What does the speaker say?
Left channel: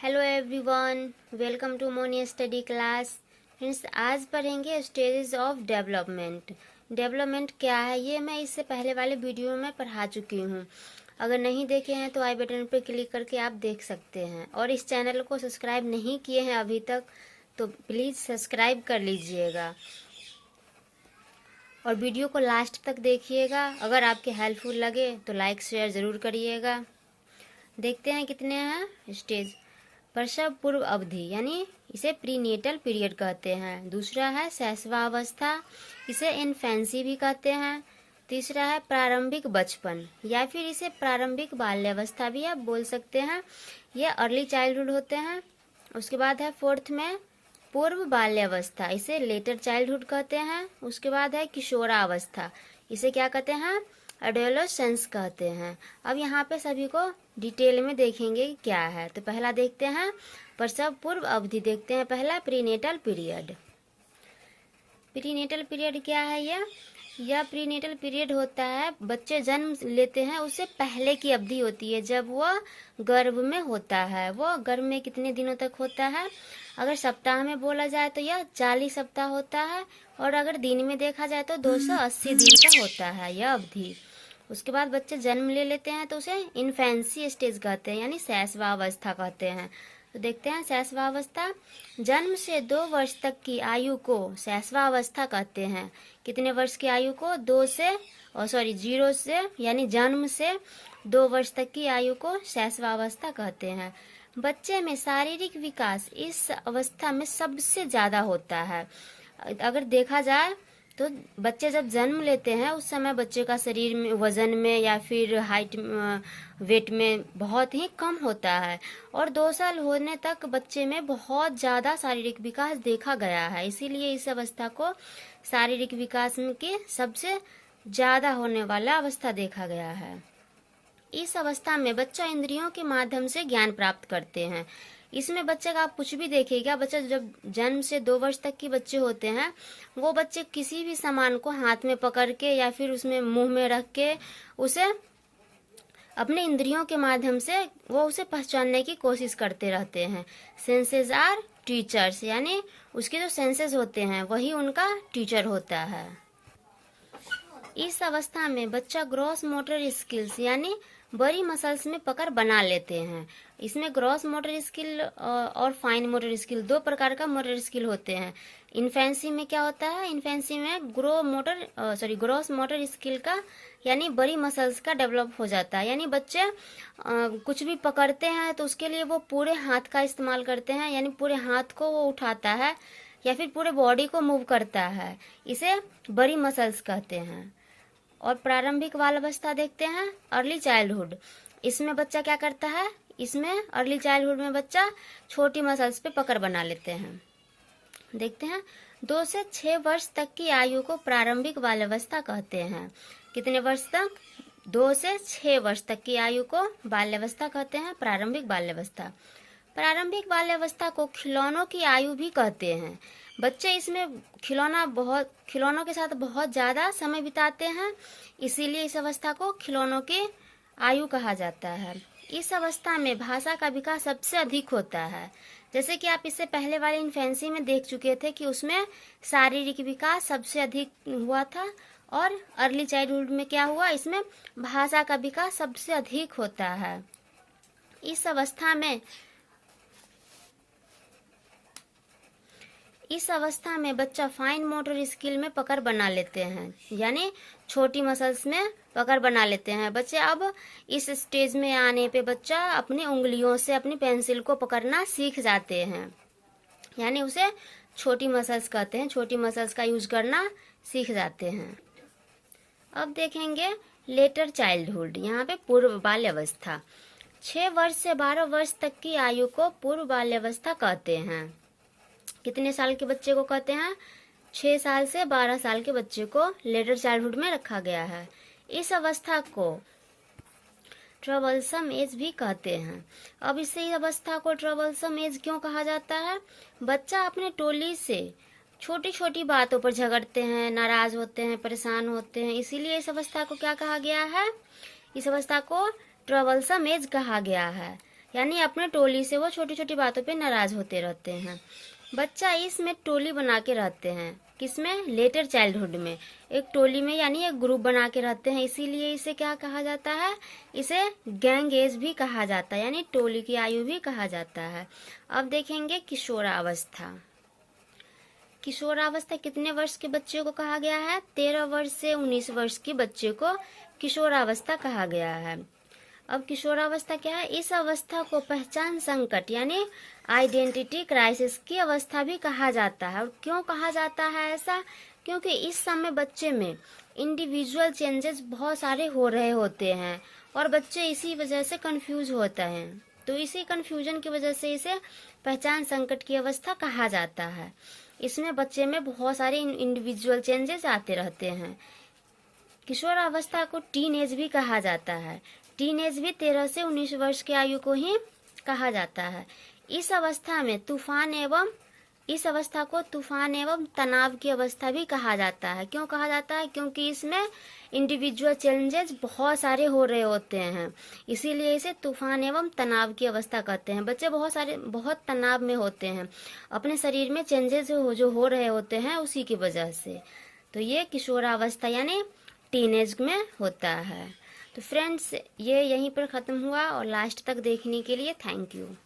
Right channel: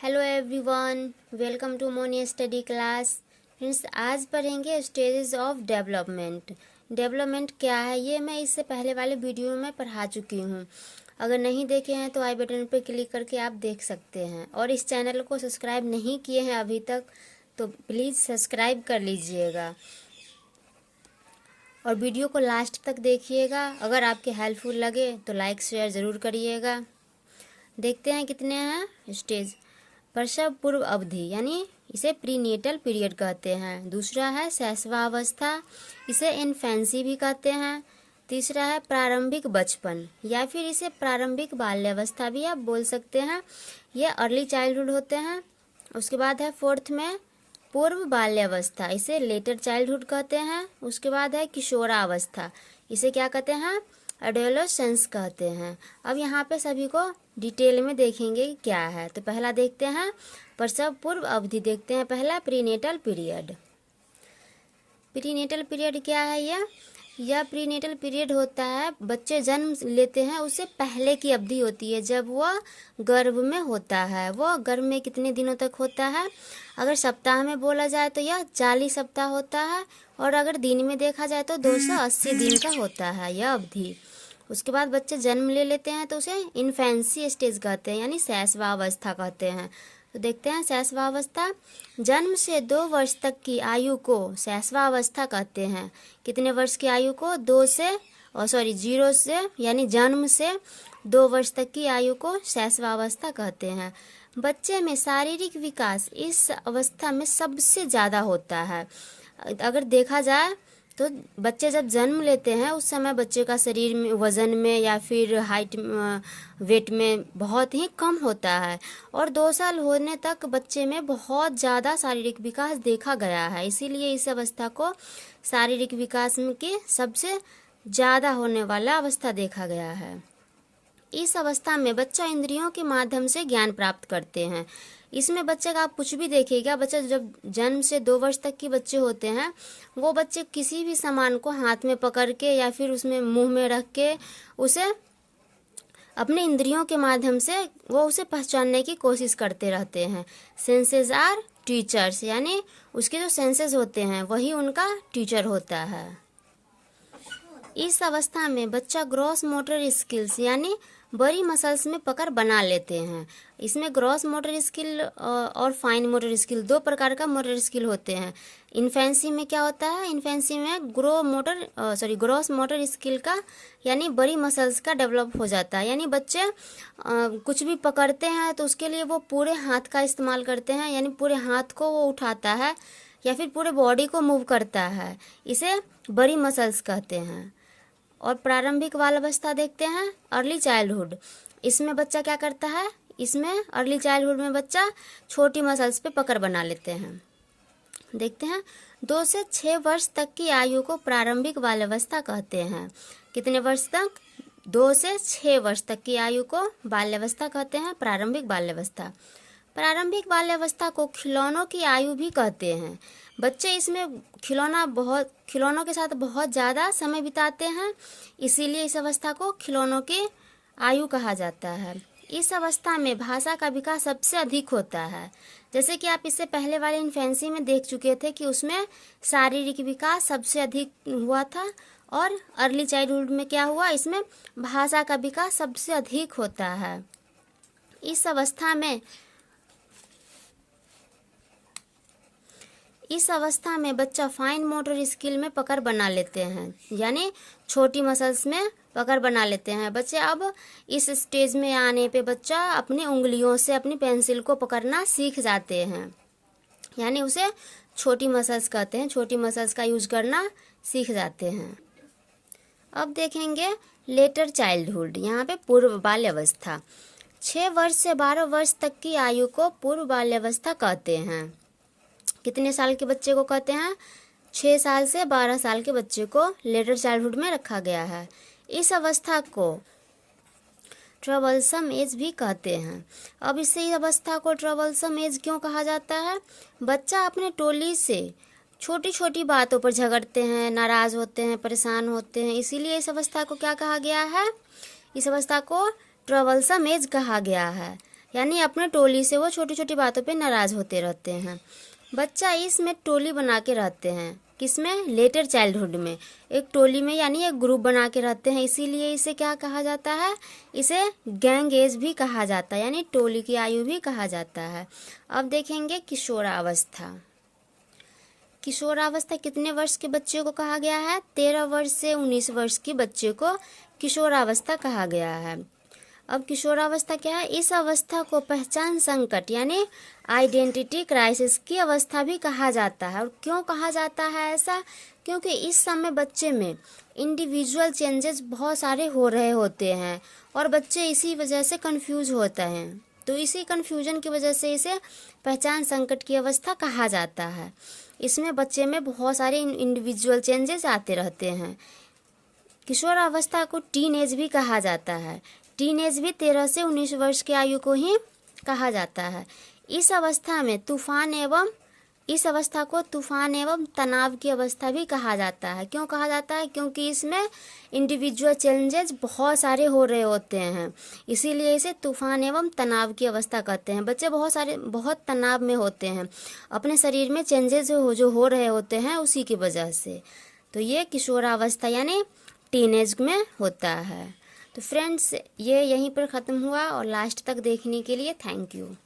Hello everyone, welcome to Moni study class. Friends, आज पढ़ेंगे stages of development. Development क्या है ये मैं इससे पहले वाले वीडियो में पढ़ा चुकी हूँ। अगर नहीं देखे हैं तो आई बटन पर क्लिक करके आप देख सकते हैं। और इस चैनल को सब्सक्राइब नहीं किए हैं अभी तक तो प्लीज़ सब्सक्राइब कर लीजिएगा और वीडियो को लास्ट तक देखिएगा। अगर आपके हेल्पफुल लगे तो लाइक शेयर ज़रूर करिएगा। देखते हैं कितने हैं स्टेज। प्रसव पूर्व अवधि यानी इसे प्रीनेटल पीरियड कहते हैं। दूसरा है शैशवावस्था, इसे इन्फेंसी भी कहते हैं। तीसरा है प्रारंभिक बचपन या फिर इसे प्रारंभिक बाल्यावस्था भी आप बोल सकते हैं। यह अर्ली चाइल्डहुड होते हैं। उसके बाद है फोर्थ में पूर्व बाल्यावस्था, इसे लेटर चाइल्डहुड कहते हैं। उसके बाद है किशोरावस्था, इसे क्या कहते हैं? एडोलेसेंस कहते हैं। अब यहाँ पे सभी को डिटेल में देखेंगे कि क्या है। तो पहला देखते हैं प्रसव पूर्व अवधि। देखते हैं पहला प्रीनेटल पीरियड। प्रीनेटल पीरियड क्या है? यह प्रीनेटल पीरियड होता है, बच्चे जन्म लेते हैं उससे पहले की अवधि होती है जब वह गर्भ में होता है। वह गर्भ में कितने दिनों तक होता है? अगर सप्ताह में बोला जाए तो यह 40 सप्ताह होता है और अगर दिन में देखा जाए तो 280 दिन का होता है यह अवधि। उसके बाद बच्चे जन्म ले लेते हैं तो उसे इन्फेंसी स्टेज कहते हैं यानी शैशवावस्था कहते हैं। तो देखते हैं शैशवावस्था, जन्म से 2 वर्ष तक की आयु को शैशवावस्था कहते हैं। कितने वर्ष की आयु को? 0 से यानी जन्म से 2 वर्ष तक की आयु को शैशवावस्था कहते हैं। बच्चे में शारीरिक विकास इस अवस्था में सबसे ज़्यादा होता है। अगर देखा जाए तो बच्चे जब जन्म लेते हैं उस समय बच्चे का शरीर में वजन में या फिर हाइट वेट में बहुत ही कम होता है और 2 साल होने तक बच्चे में बहुत ज़्यादा शारीरिक विकास देखा गया है। इसीलिए इस अवस्था को शारीरिक विकास के सबसे ज़्यादा होने वाला अवस्था देखा गया है। इस अवस्था में बच्चा इंद्रियों के माध्यम से ज्ञान प्राप्त करते हैं। इसमें बच्चे का आप कुछ भी देखिएगा, बच्चा जब जन्म से 2 वर्ष तक के बच्चे होते हैं वो बच्चे किसी भी सामान को हाथ में पकड़ के या फिर उसमें मुंह में रख के उसे अपने इंद्रियों के माध्यम से वो उसे पहचानने की कोशिश करते रहते हैं। सेंसेस आर टीचर्स, यानी उसके जो सेंसेस होते हैं वही उनका टीचर होता है। इस अवस्था में बच्चा ग्रॉस मोटर स्किल्स यानी बड़ी मसल्स में पकड़ बना लेते हैं। इसमें ग्रॉस मोटर स्किल और फाइन मोटर स्किल 2 प्रकार का मोटर स्किल होते हैं। इन्फेंसी में क्या होता है? इन्फेंसी में ग्रॉस मोटर स्किल का यानी बड़ी मसल्स का डेवलप हो जाता है। यानी बच्चे कुछ भी पकड़ते हैं तो उसके लिए वो पूरे हाथ का इस्तेमाल करते हैं, यानी पूरे हाथ को वो उठाता है या फिर पूरे बॉडी को मूव करता है। इसे बड़ी मसल्स कहते हैं। और प्रारंभिक बाल्यावस्था देखते हैं अर्ली चाइल्डहुड। इसमें बच्चा क्या करता है? इसमें अर्ली चाइल्डहुड में बच्चा छोटी मसल्स पे पकड़ बना लेते हैं। देखते हैं 2 से 6 वर्ष तक की आयु को प्रारंभिक बाल्यावस्था कहते हैं। कितने वर्ष तक? 2 से 6 वर्ष तक की आयु को बाल्यावस्था कहते हैं, प्रारंभिक बाल्यावस्था। प्रारंभिक बाल्यावस्था को खिलौनों की आयु भी कहते हैं। बच्चे इसमें खिलौनों के साथ बहुत ज़्यादा समय बिताते हैं, इसीलिए इस अवस्था को खिलौनों की आयु कहा जाता है। इस अवस्था में भाषा का विकास सबसे अधिक होता है। जैसे कि आप इससे पहले वाले इन्फेंसी में देख चुके थे कि उसमें शारीरिक विकास सबसे अधिक हुआ था और अर्ली चाइल्डहुड में क्या हुआ? इसमें भाषा का विकास सबसे अधिक होता है। इस अवस्था में बच्चा फाइन मोटर स्किल में पकड़ बना लेते हैं, यानी छोटी मसल्स में पकड़ बना लेते हैं बच्चे। अब इस स्टेज में आने पे बच्चा अपनी उंगलियों से अपनी पेंसिल को पकड़ना सीख जाते हैं, यानी उसे छोटी मसल्स कहते हैं। छोटी मसल्स का यूज करना सीख जाते हैं। अब देखेंगे लेटर चाइल्डहुड, यहाँ पे पूर्व बाल्यावस्था। 6 वर्ष से 12 वर्ष तक की आयु को पूर्व बाल्यावस्था कहते हैं। कितने साल के बच्चे को कहते हैं? 6 साल से 12 साल के बच्चे को लेटर चाइल्डहुड में रखा गया है। इस अवस्था को ट्रबलसम एज भी कहते हैं। अब इसी अवस्था को ट्रबलसम एज क्यों कहा जाता है? बच्चा अपने टोली से छोटी छोटी बातों पर झगड़ते हैं, नाराज होते हैं, परेशान होते हैं, इसीलिए इस अवस्था को क्या कहा गया है? इस अवस्था को ट्रबलसम एज कहा गया है। यानी अपने टोली से वो छोटी छोटी बातों पे नाराज होते रहते हैं। बच्चा इसमें टोली बना के रहते हैं, किसमें? लेटर चाइल्डहुड में एक टोली में यानी एक ग्रुप बना के रहते हैं, इसीलिए इसे क्या कहा जाता है? इसे गैंग एज भी कहा जाता है, यानी टोली की आयु भी कहा जाता है। अब देखेंगे किशोरावस्था। किशोरावस्था कितने वर्ष के बच्चे को कहा गया है? 13 वर्ष से 19 वर्ष के बच्चे को किशोरावस्था कहा गया है। अब किशोरावस्था क्या है? इस अवस्था को पहचान संकट यानी आइडेंटिटी क्राइसिस की अवस्था भी कहा जाता है। और क्यों कहा जाता है ऐसा? क्योंकि इस समय बच्चे में इंडिविजुअल चेंजेस बहुत सारे हो रहे होते हैं और बच्चे इसी वजह से कंफ्यूज होते हैं। तो इसी कंफ्यूजन की वजह से इसे पहचान संकट की अवस्था कहा जाता है। इसमें बच्चे में बहुत सारे इंडिविजुअल चेंजेस आते रहते हैं। किशोरावस्था को टीन एज भी कहा जाता है। टीन एज भी 13 से 19 वर्ष की आयु को ही कहा जाता है। इस अवस्था को तूफान एवं तनाव की अवस्था भी कहा जाता है। क्यों कहा जाता है? क्योंकि इसमें इंडिविजुअल चेंजेस बहुत सारे हो रहे होते हैं, इसीलिए इसे तूफान एवं तनाव की अवस्था कहते हैं। बच्चे बहुत तनाव में होते हैं, अपने शरीर में चेंजेस जो हो रहे होते हैं उसी की वजह से। तो ये किशोरावस्था यानी टीनेज में होता है। तो फ्रेंड्स, ये यहीं पर ख़त्म हुआ और लास्ट तक देखने के लिए थैंक यू।